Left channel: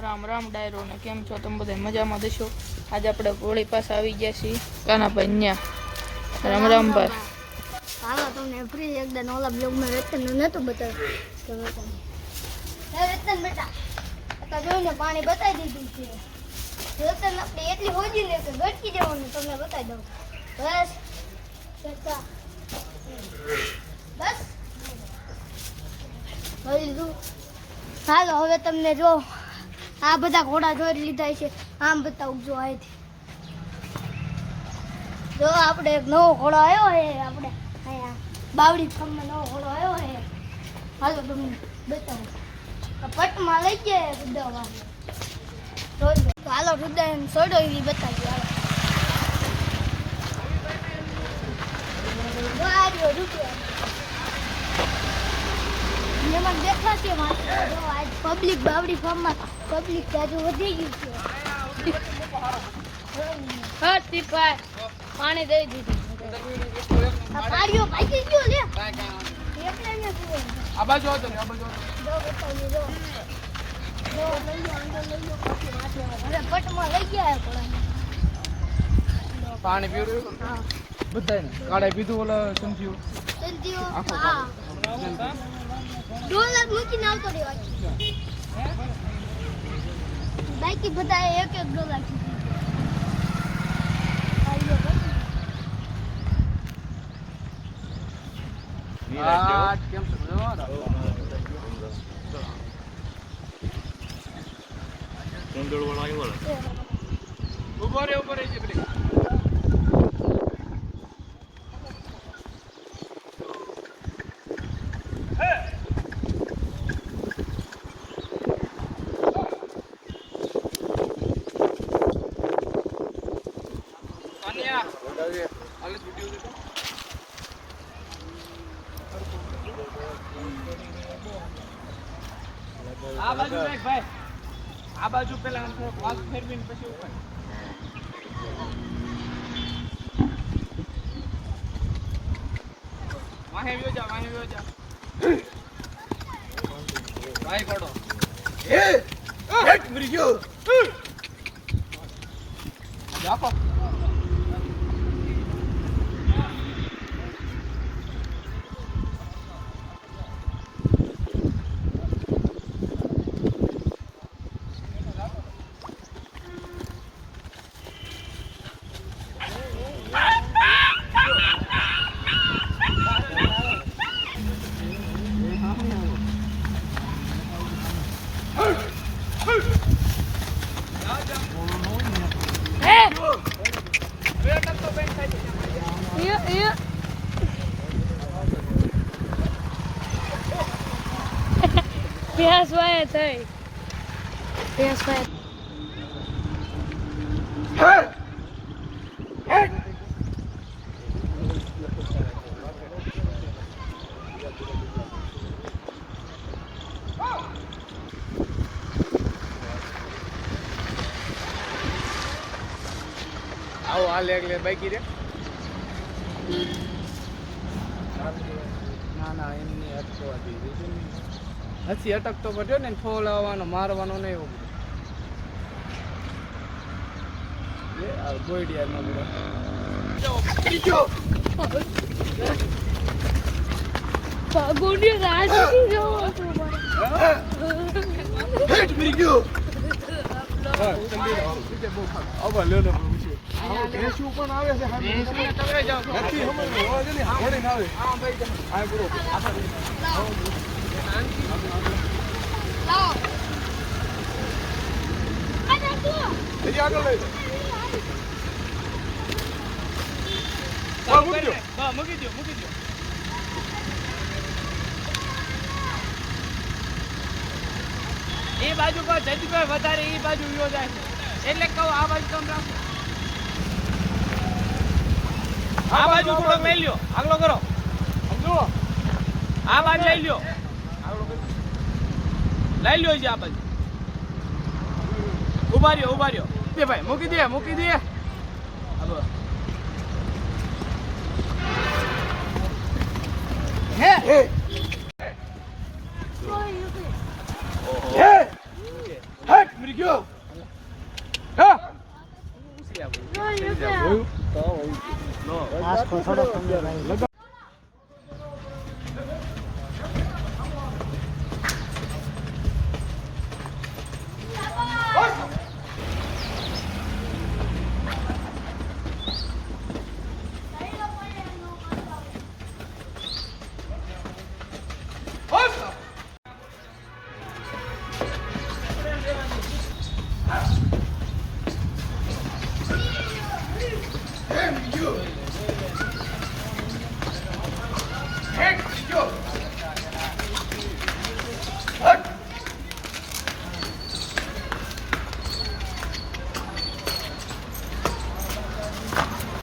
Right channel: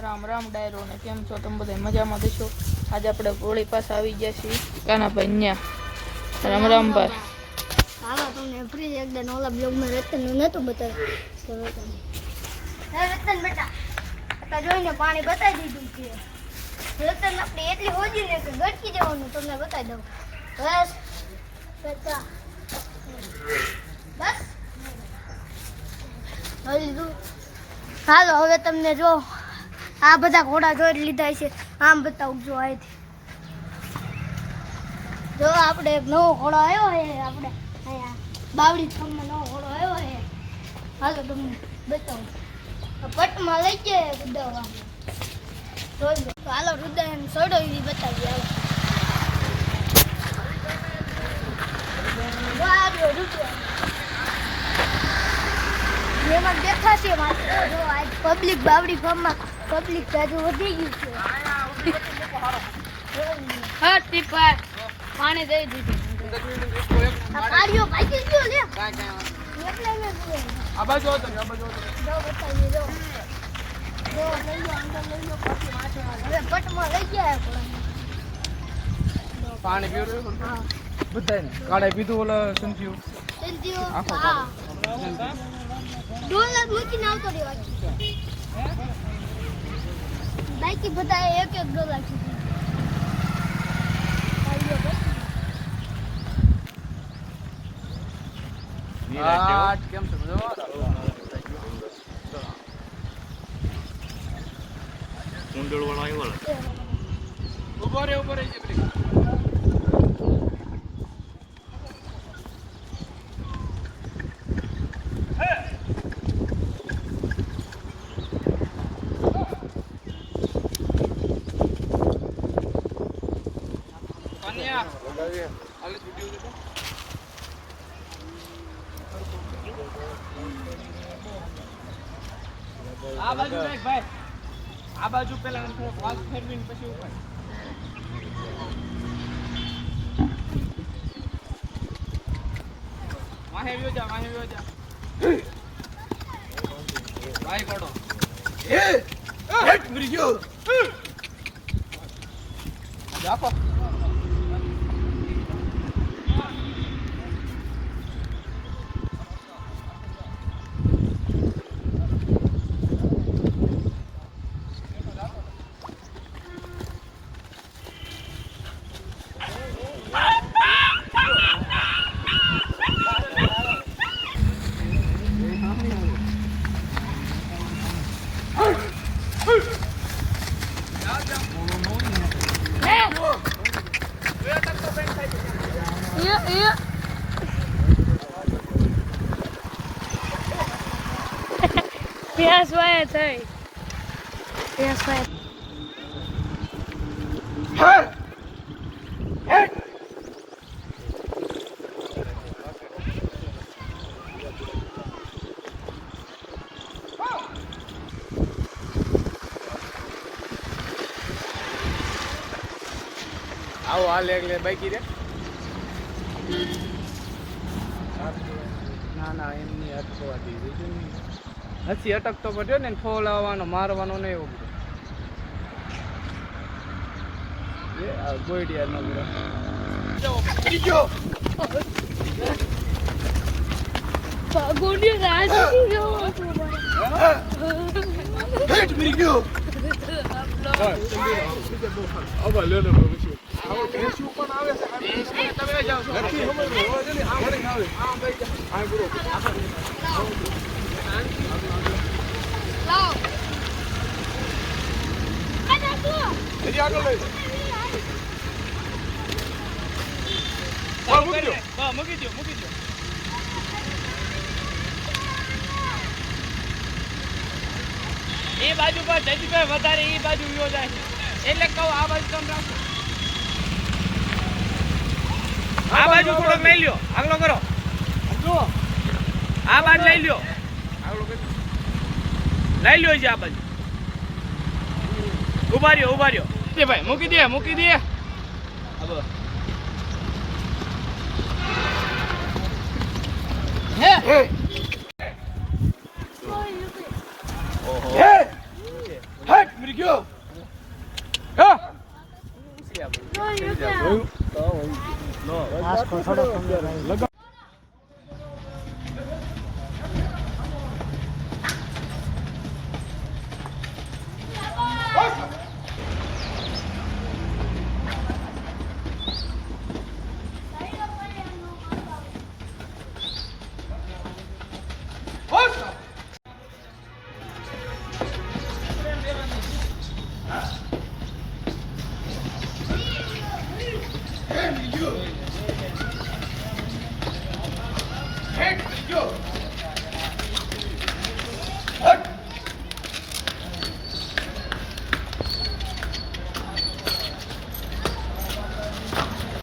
રામ રામ ડાયરો ને કેમ છો તમે બધા મજામાં દેશો। આજે આપણે હોળી પાસે આવી ગયા છીએ કાનાભાઈ ન્યા। રામ રામ ભાઈ। હાલો તમને ફ્રી એકદમ ઓલા બ્લોગ માં રતન નું નતું બતાવ્યું તો રતન બેટા આ જોઈને પાણી બતાવી દીધું છે। રતન આપણે એટલી હોજી લે કે ગટકી જવાનું તમને બતાવી દઉં। બસ બેટા બસ હાલો હવે તમને જો આ બધા ઘોડા જોઈ લીધા છે। આમ બતાવું જો અહીંથી જો આપણે એક નવો ઘોડો આવ્યો છે। આપણે અહીંયા બાવડી ફાર્મમાં નવો ઘોડો આવ્યો છે। હાલો તમને બતાવું પટમાં લઈ જાય ગુદાવા જોઈ તો હાલો રુદાય સોડો એવી બતાવી હાલો મેં દેખાશે પબ્લિક બાવડી ફાર્મમાં પબ્લિક જાજુ વધી ગયું છે। હા ટીપા પાણી દઈ દીધું। આ પાડીઓ ભાગી ગયો લે એટલે ને આ બાજુ આવો જો બતાવી જો લઈ લો અંદર લઈ લો પછી માથે હવે પટમાં લઈ ગયા થોડા પાણી પીવું બધાને કાળે પીધું ઓલા શું થયું ડોલર મૂકીને આવતો રે બાકી બધા એક એક ડોલર કેમ કુંડળ વાળો આવ્યો ઉભો રે આ બાજુ રાખ ભાઈ આ બાજુ પેલા વાત ફેરવીને પછી ઉપર વાહે વ્યો જા ભાઈ પડો હેટ મરી ગયો જાપો Yes, why I say? Yes, sir. આવો આ લે બાકી રે ના એમની અટકવાથી હસી અટકતો પડ્યો ને ફોલાવવાનો મારવાનો ને એવું ગોઈડિયા ન ગોડિયો રાજી જો મરી ગયો આવા લે લે પછી આવો દેશી પણ આવે છે તમે જાવ નથી સમજ ઓળખની હાડી આવે હા ભાઈ આ ગુરુ લાવ આ તો એજી આગળ લઈ મૂકી દો એ બાજુ પર જજભાઈ વધારે એ બાજુ વ્યો જાય એટલે કહું આ બાજુ કમ રાખો આ બાજુ થોડો લઈ લ્યો આગલો કરો આ બાજુ લઈ લ્યો છે આ બાજુ ઉભા રહ્યો દે ભાઈ મૂકી દે હે ઉરી ગયો હે જો, એ બે. તો આજ થોડો કમી